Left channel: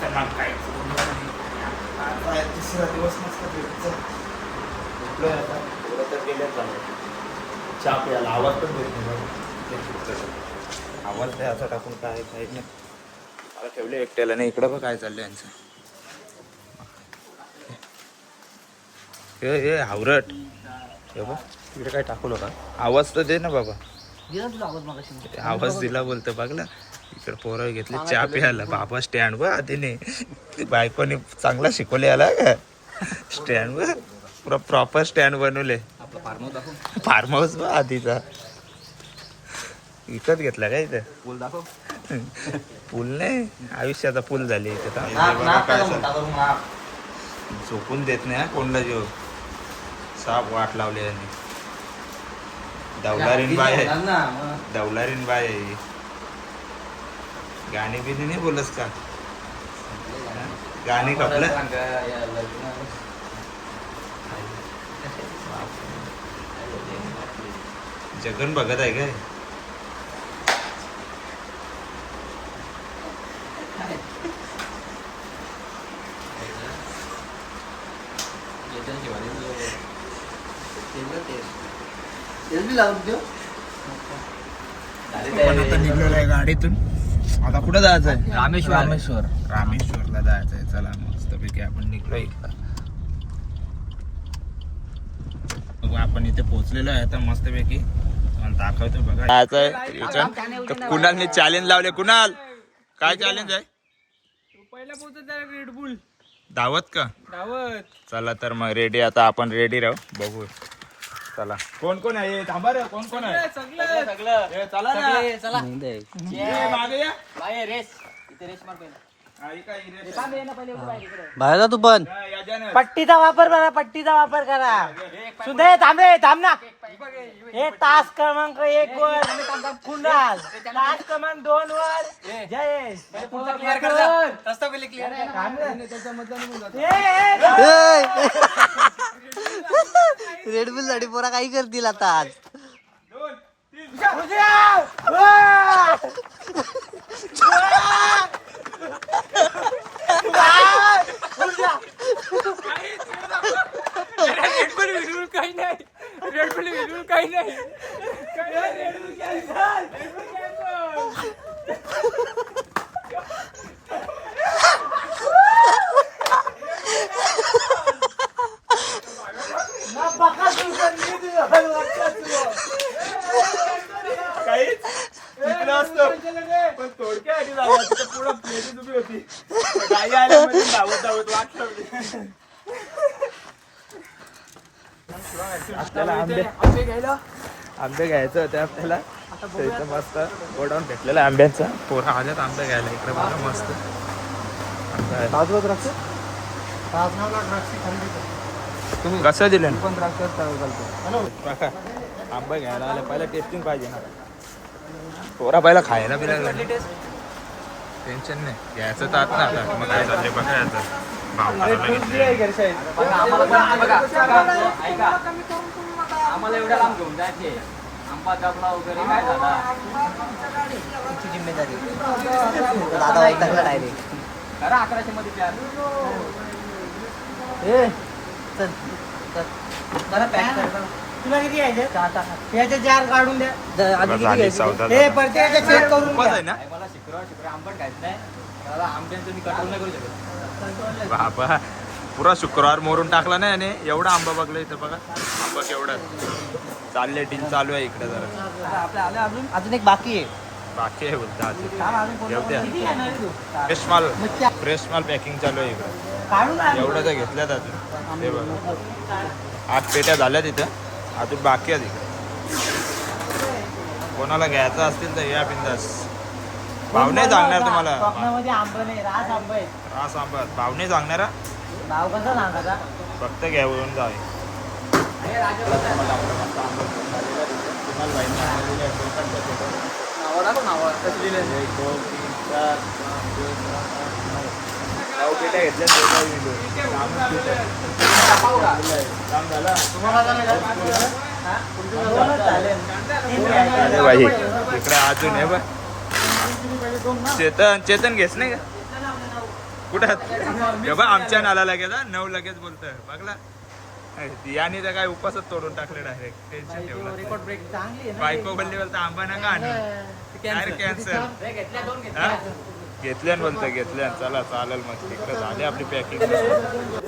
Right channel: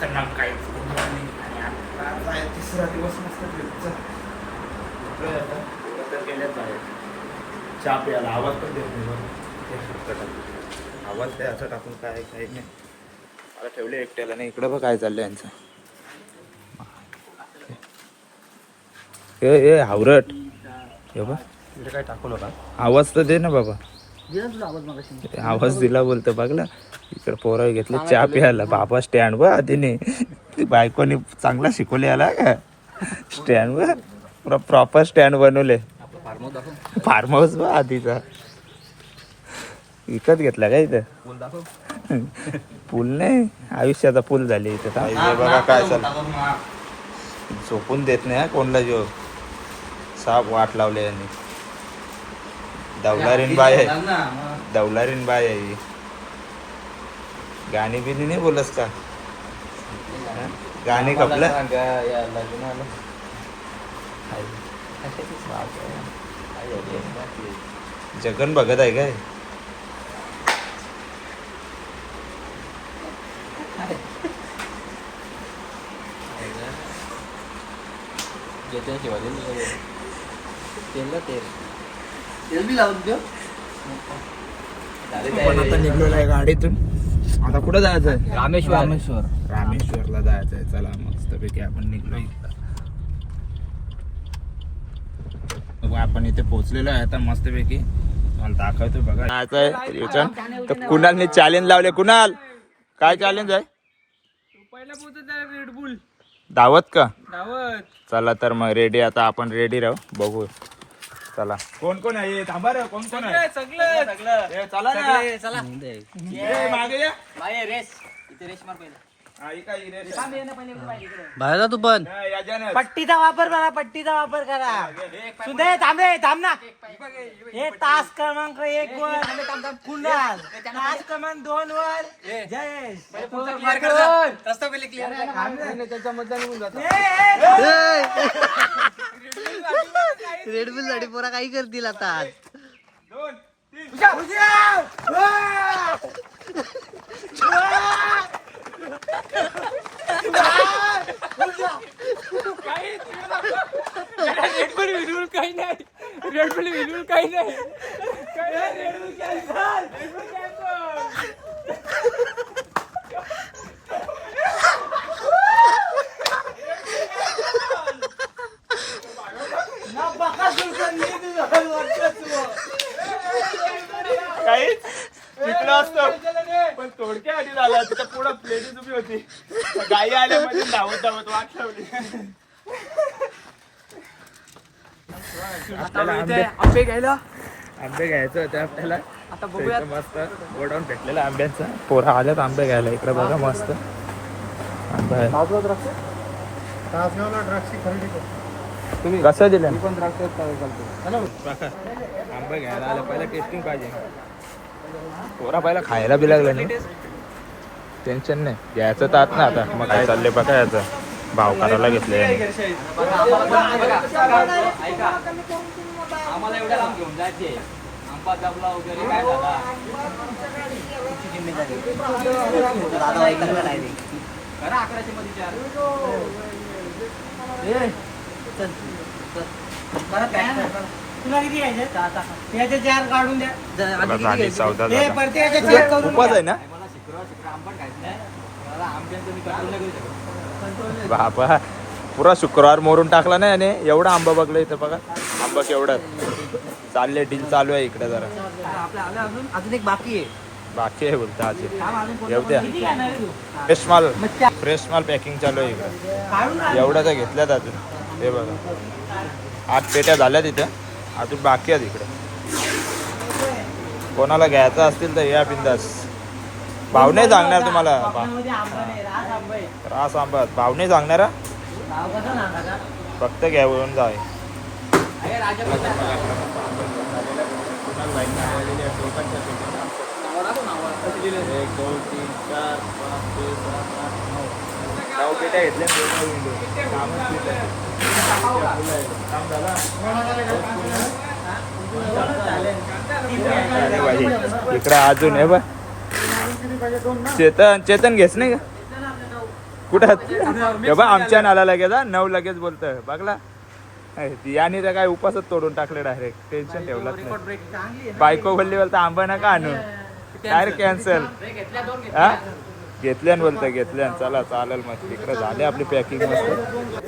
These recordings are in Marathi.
त्यांना काही बोलणार नाही. आणि आता आहे तिसरा दिवस मस्त ट्रिपचा. तर गेल्याच बाहेर चहा प्यायला. आवाज पण देत नाही बघ. आवाज द्यायचा टाकून काय काही नाही. मला ठेवले एकट्याला नाही. इकडं बघ काय चाललंय यांचं. हे हावरट हे बघ तिकडे काय टाकू नका. आवाज तर दे ना बाबा. आवाज दिला बोलतो बघला. इकडे पोरं घेतले चहा प्यायला. बाबा स्टँड वर आधीने बायकोनी चांगला शिकवले याला का स्टँड वर. पुरा प्रॉपर स्टँड बनवले. फार्म हाऊस बा आधीचा विकत घेतला का इथं. पूल दाखव. पूल नाही आयुष्याचा पूल झाली इथं. बघा काय चालू. झोपून देत नाही कोणला जो साप वाट लावले यांनी. डवलारीन बाय आहे. डवलारीन बाय आहे. गाणी बिनी नाही बोलस का. गाणी कपलं. जगन बघत आहे काय. निघलेला आहे गाडीतून. आता कुठं जायचंय. रामेश्वरला जायचंय. चला मस्तपैकी आपण निघलोय. आपण इथे पोहोचलेलो आहे आता मस्तपैकी. मला दाखवतो बघा. जायचंय. कुणालने चॅलेंज लावले. कुणाल काय चॅलेंज आहे. पहिला पोहोचत रेडबुल दावत का. दावत. चला तर मग रेडी. आता आपण रेडी राहू. बघू चला कोण कोण आहे. थांबा रे. कोण कोण आहे. सगळं चला ना. चला मागे या. रेस इथे रेस मार पहिला. बाहेर का तू पण. पट्टीचा वापर करा. पट्टीचा वापर करा. सुधे थांबे थांब ना. हे तास क्रमांक 1 वर कुणाल. तास क्रमांक 2 वर जयेश. रस्ता पहिले क्लिअर. रेडबुल साठी पोरा काही करतील आता आज. 2 रेडबुल काही नाही. रेडबुल काही नाही. काही शिकलं असतं पण थोडक्यासाठी झालं. तिथं पुढं प्लेट उभी होती. गाई आल्यामध्ये धावत धावत वाट लावली. आपल्याला आंबे घ्यायचं होते आपल्याला. इथं मस्त गोडाऊन भेटलेला आंब्यांचा. पोरा आल्यात आंबे घ्यायला. इकडे बघा मस्त कसं दिलं. आंबे घ्यायला आलं पहिला टेस्टिंग पाहिजे ना. पोरा पहिला खायला बिलायला टेन्शन नाही. घ्यायचं तर आत ना. आता मग काय चाललंय बघा. याचं भाव करायला घेतले. आम्हाला एवढ्या लांब घेऊन जायचे. आंबा जपला वगैरे काय झाला. अरे 1100 मध्ये 4. तुला किती आहे. याचे 4 काढून द्या. झाली चौदा. उपास आहे ना. मला शुक्रवार आंबट खायचं नाही. मला आंब्यांचं मी कंट्रोल नाही करू शकत. बाबा पुरा शुक्रवार मोरून टाकला नाही. आणि एवढा आंबा बघला इथं बघा. आंबा केवढा चालले. डील चालू आहे इकडे जरा. अजून एक बाकी आहे. बाकी आहे बोलता अजून. येऊ द्या. फ्रेश माल पॅकिंग चालू आहे इकडं. एवढा तर घेतल्यात अजून. हे बघा 8 पेट्या झाल्या तिथं. अजून बाकी आहेत इकडे. कोणाला घ्यायचं असतील तर या बिंदास. भाव नाही सांगणार तुम्हाला. रास आंबा भाव नाही सांगणार. फक्त घेऊन जाय. आपलं मस्त आंबा झालेला कुणाल भाईंनी आणलेले आहे. टोकनच्या पेटून 1 2 3 4 5 6 7 8 9 पेट्या घेतल्या. कामच पेट आहे. काम झालं. भाई इकडे अजून आहे बा. चेतन घेस नाही का. कुठं आमच्या नाला लगेच 9 लगेच बोलतोय बघला याने तर काय उपासच तोडून टाकले डायरेक्ट टेन्शन ठेवलं बायको बोलली बोलतं आंबा नका आणू डायरेक्ट कॅन्सल हा घेतल्यान बोलतोय घेतल्यान चला चालेल मस्त इकडे झाले आपली पॅकिंग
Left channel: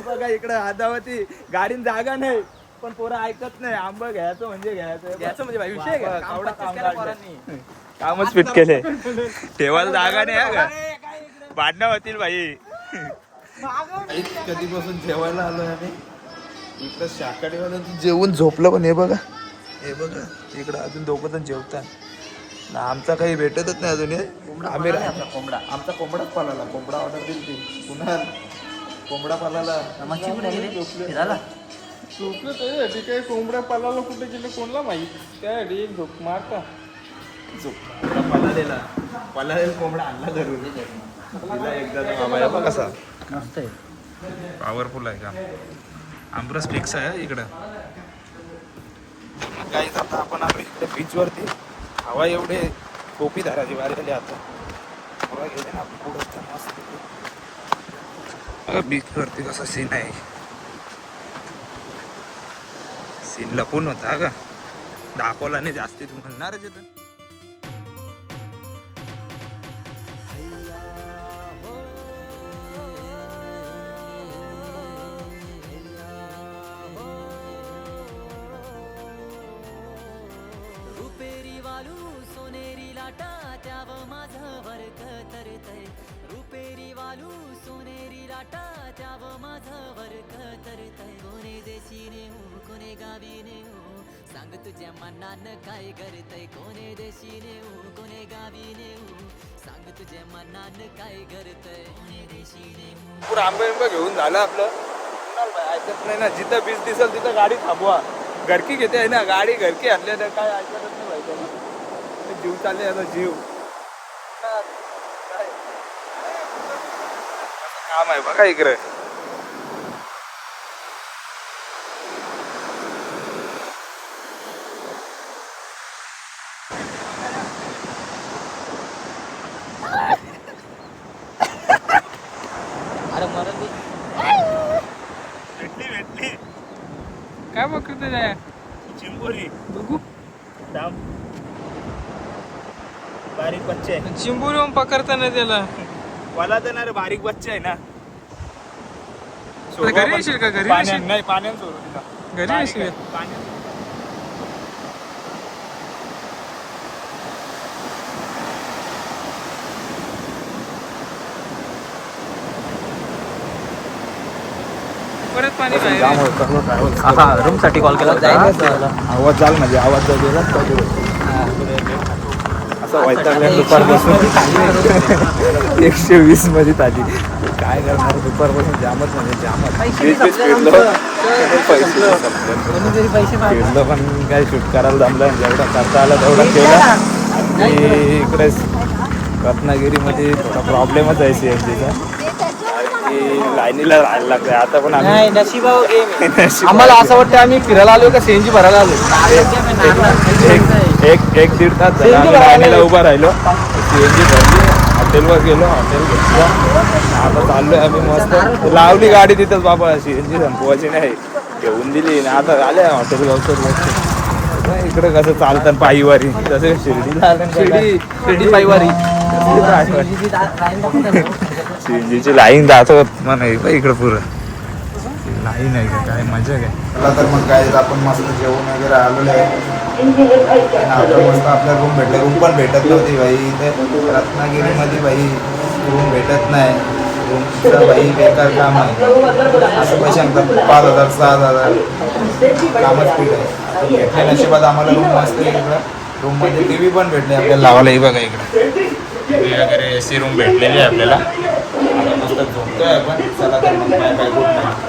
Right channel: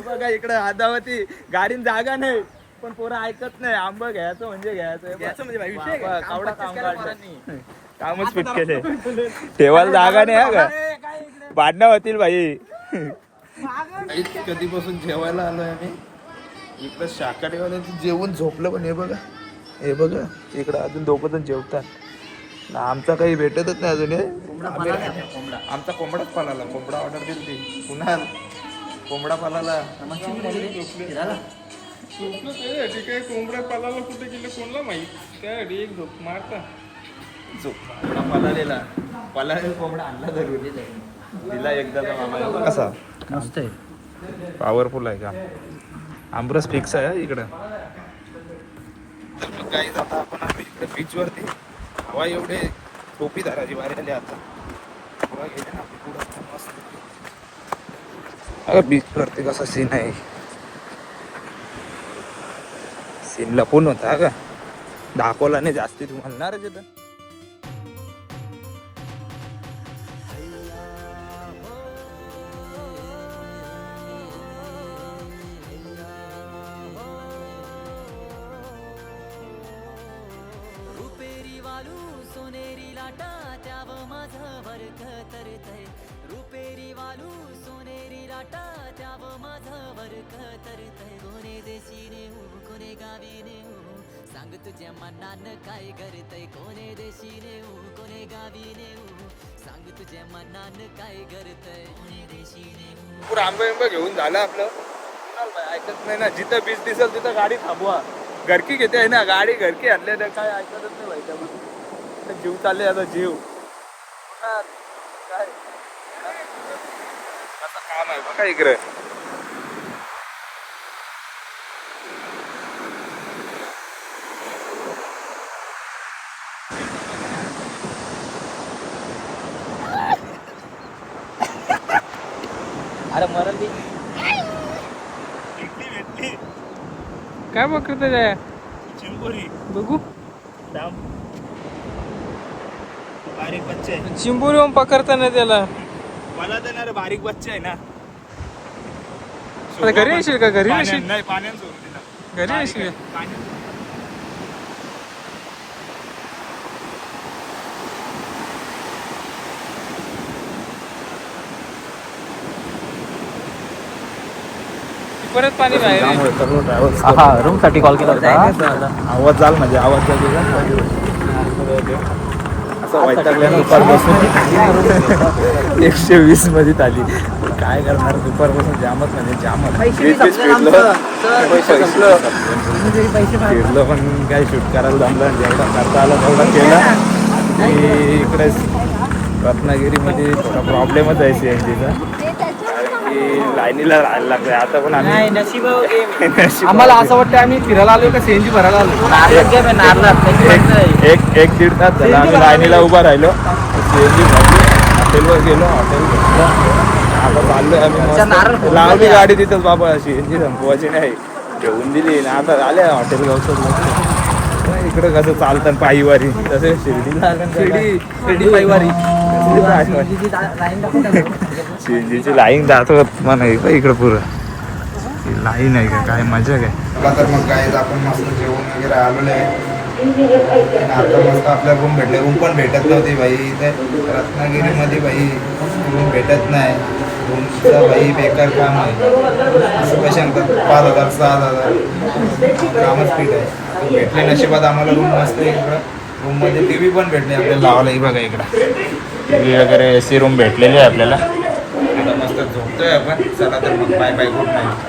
बघा इकडे हातावरती गाडीन जागा नाही पण पोरं ऐकत नाही आंबा घ्यायचं म्हणजे घ्यायचं म्हणजे कामच फिट केले ठेवायला जागा नाही हा का भांडणं होतील भाई कधीपासून जेवायला आलोय आम्ही इकडं शाकाहारीवाल्यांचं जेवून झोपलं पण हे बघा इकडं अजून दोघं जण जेवतात आमचा काही भेटतच नाही अजून हे आम्ही आमचा कोंबडाच पालाला कोंबडा ऑर्डर दिली ती पुन्हा कोंबडा पालाला झोपलं त्यासाठी काही कोंबड्या पालाला कुठे गेले कोणला माहित त्यासाठी एक झोप मारता कोंबडा पलालेला कोंबडा आणला जरूर तिला एकदा कसा पॉवरफुल आहे का आमरस फिक्स आहे इकडं काही आता आपण इकडे बीच वरती हवा एवढे टोपी धराची बाहेर आली आता हवा गेले ना पुढं मस्त बीच वरती कसा सीन आहे सीन लपून होता का दाखवला नाही जास्ती तुम्हाला ना रे तिथं सोनेरी लाटा त्याव माझं वरक तरतय रुपेरी वालू सोनेरी लाटा त्याव माझं वरक तरतय कोणे देशीने हो कोणे गावीने हो सांग तुझ्या मनानं काय करतय कोणे देशीने हो कोणे गावीने हो सांग तुझ्या मनानं काय करतय कोणे देशीने हो पुरा आंबा घेऊन झालं आपलं कुणाल भाई ऐकत नाही ना जिथं बीच दिसेल तिथं गाडी थांबवा घरकी घेते आहे ना गाडी घरकी आणले तर काय ऐकतच नाही भाई त्यामुळे जीव चालले आता जीव काय असं काम आहे बघा इकडे भेटली काय बघत चिंबोरी बघू बारीक बच्चे चिंबोरी पकडताना त्याला मला देणार बारीक बच्चे आहे ना घरी येशील का घरी येशील नाही पाण्यात सोडू तिला घरी येशील परत पाणी रूम साठी कॉल केला आवाज झाला म्हणजे आवाज जा गेलाच पाहिजे असं वैतागल्या दुपारपासून 120 मध्ये आली काय करणार दुपारपासून जामच म्हणजे जामच फिरलो पण काय शूट करायला जमलं जेवढा करता आला तेवढा केला आणि इकडे रत्नागिरीमध्ये थोडा प्रॉब्लेमच आहे CNGचा लाईनीला राहायला लागतंय आता पण आम्ही आम्हाला असं वाटतं आम्ही फिरायला आलो का CNG भरायला आलो एक दीड तास झाला आम्ही लाईनीला उभा राहिलो CNG भरली हॉटेलवर गेलो हॉटेल घेतलं आता चाललोय आम्ही मस्त लावली गाडी तिथंच बाबा CNG संपवायची नाही घेऊन दिली ना आता आले हॉटेल गावचं इकडं कसं चालतं पायीवारी तसं शिर्डीला आलं शिर्डी पायवारी CNGची लाईन दाखवत म्हणा इकडं पुरं लाईन आहे का काय मजा काय तर मग काय आपण मस्त जेवण वगैरे आलेलं आहे आता मस्त आपल्या रूम भेटले रूम पण भेटत नव्हती भाई इथे रत्नागिरीमध्ये भाई रूम भेटत नाही रूमचं भाई बेकार काम आहे असं पैसे सांगतात 5,000 6,000 कामच पीठ आहे आता भेटले नशिबात आम्हाला रूम मस्त इकडं रूममध्ये TV पण भेटले आपल्याला लावायला बघा इकडं TV वगैरे AC रूम भेटलेली आहे आपल्याला आता मस्त झोपतोय आपण चला तर मग बाय बाय गुड नाईट